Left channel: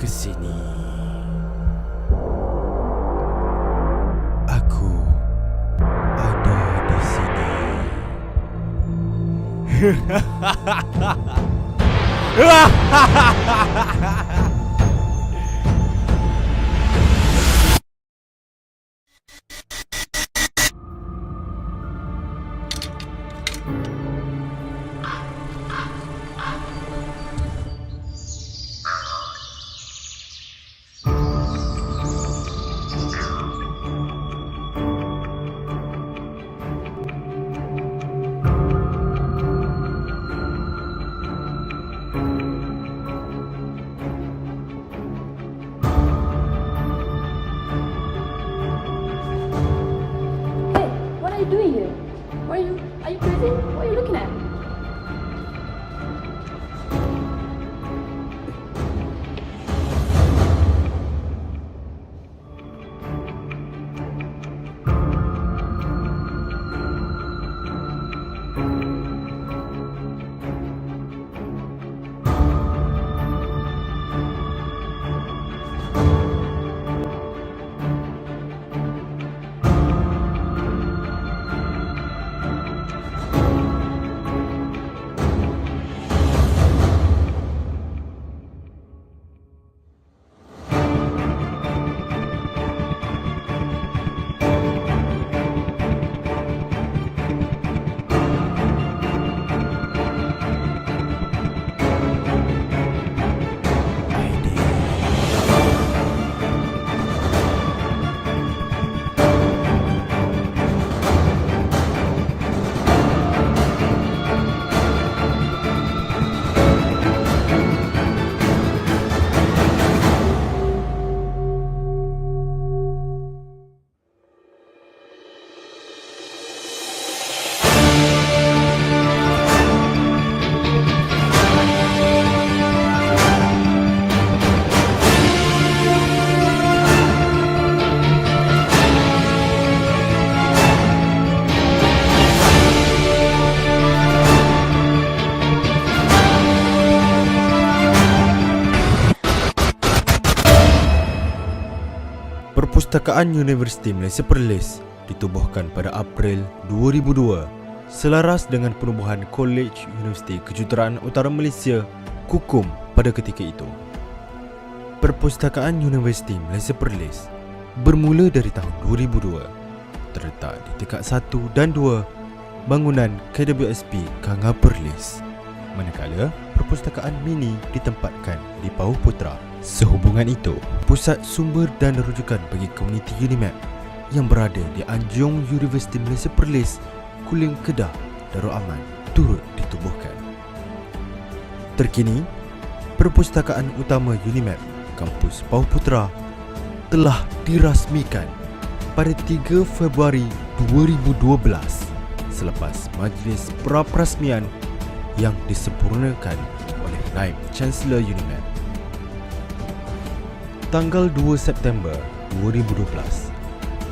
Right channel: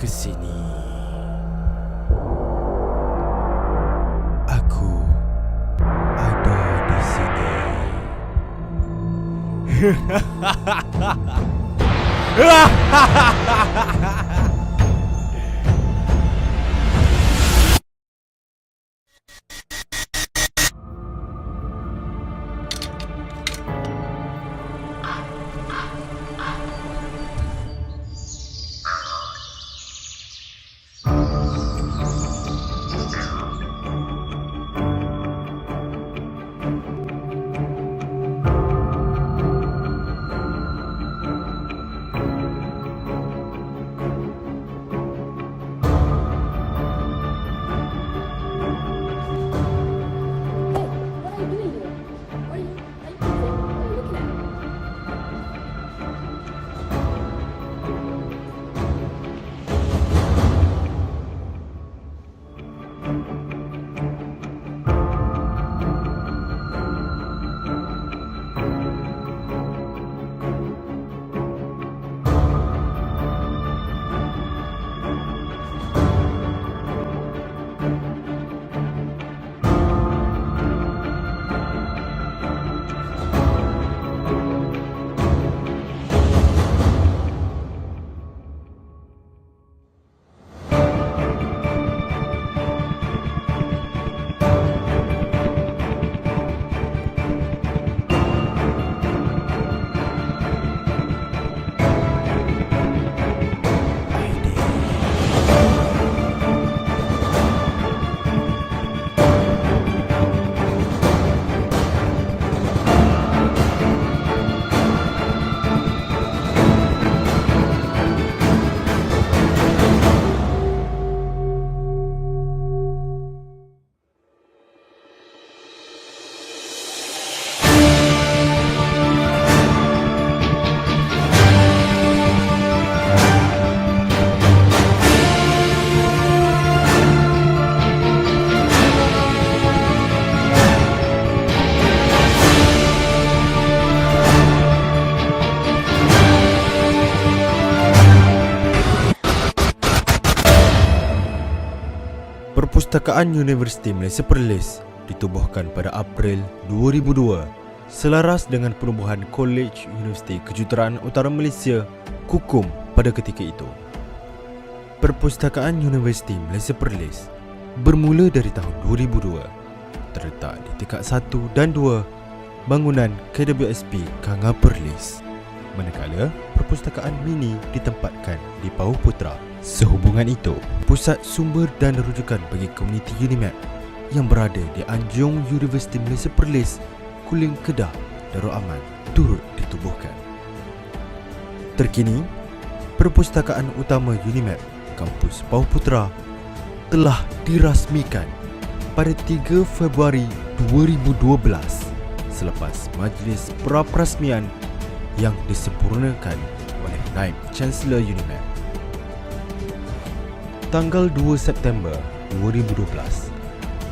ke sini. Aku ada di sini. What are you doing here? Are you crazy? What are you looking at? Perpustakaan Universiti Malaysia Perlis ditubuhkan pada April 2002 selaras dengan penubuhan Kolej Universiti Kejuruteraan Utara Malaysia KUKUM pada ketika itu. Perpustakaan Universiti Malaysia Perlis bermula dari tahun 2002, terletak di tingkat 1 dan 2 bangunan KWSP Kanga Perlis, manakala perpustakaan mini ditempatkan di Pauh Putra. Sehubungan itu, pusat sumber dan rujukan bagi komuniti UNIMAP yang berada di Anjong Universiti Malaysia Perlis, Kulim Kedah, Darul Aman turut ditubuhkan. Terkini, perpustakaan utama UNIMAP kampus Pauh Putra telah dirasmikan pada 3 Februari 2012 selepas majlis pra-perasmian yang disempurnakan oleh Naib Chancellor UNIMAP. Tanggal 2 September 2012,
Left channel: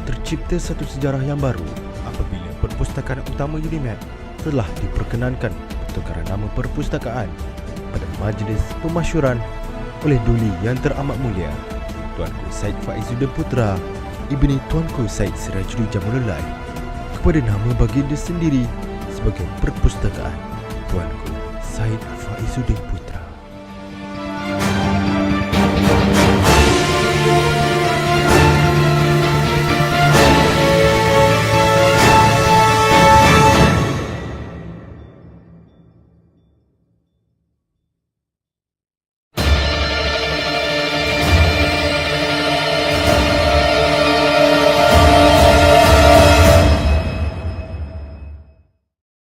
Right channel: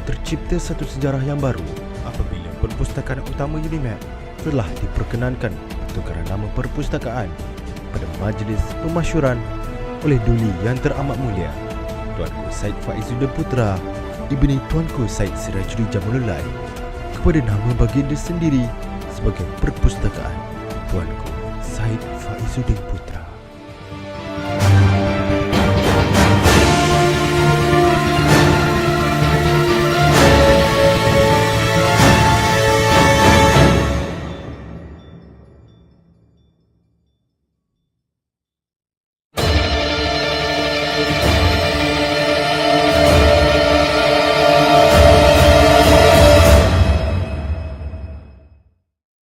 tercipta satu sejarah yang baru apabila perpustakaan utama UNIMAP telah diperkenankan pertukaran nama perpustakaan pada majlis pemasyuran oleh Duli Yang Teramat Mulia Tuanku Syed Faizuddin Putra Ibni Tuanku Syed Sirajuddin Jamulullah kepada nama baginda sendiri sebagai perpustakaan Tuanku Syed Faizuddin Putra.